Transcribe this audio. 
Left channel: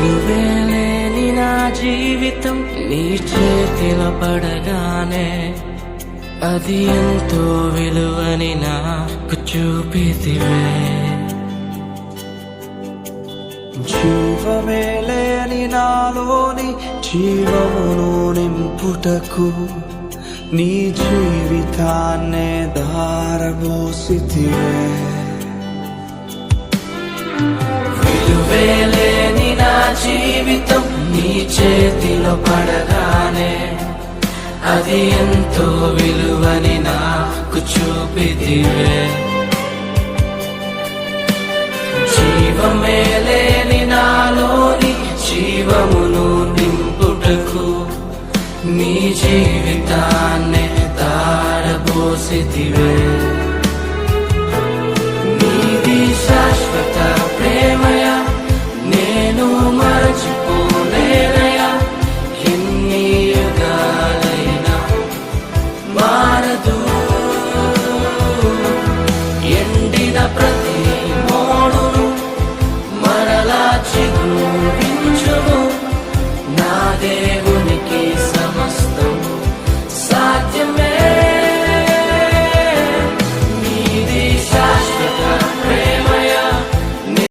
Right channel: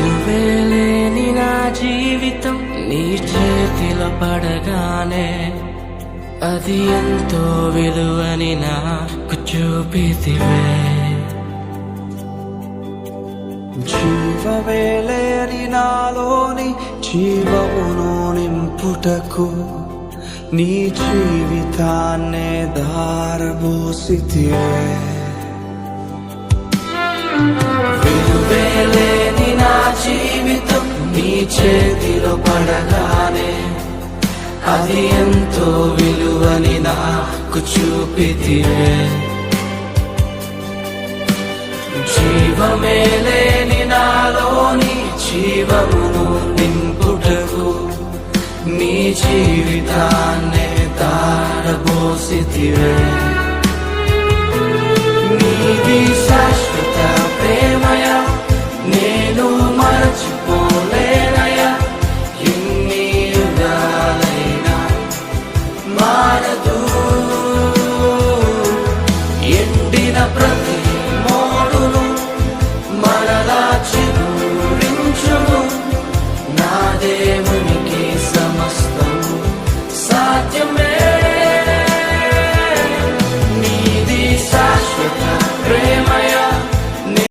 విలువేలేని నా జీవితం నీ చేతిలో పడగానే అది ఎంతో విలువని నాకు చూపితివే. జీవమేలేని నాలోని జీవమును నింపుటకు నీ జీవితాన్నే ధారబోసితివే. విలువేలేని నా జీవితం నీ చేతిలో పడగానే అది ఎంతో విలువని నాకు చూపితివే. జీవమేలేని నాలోని జీవమును నింపుటకు నీ జీవితాన్నే ధారబోసితివే. నీది శాశ్వత ప్రేమ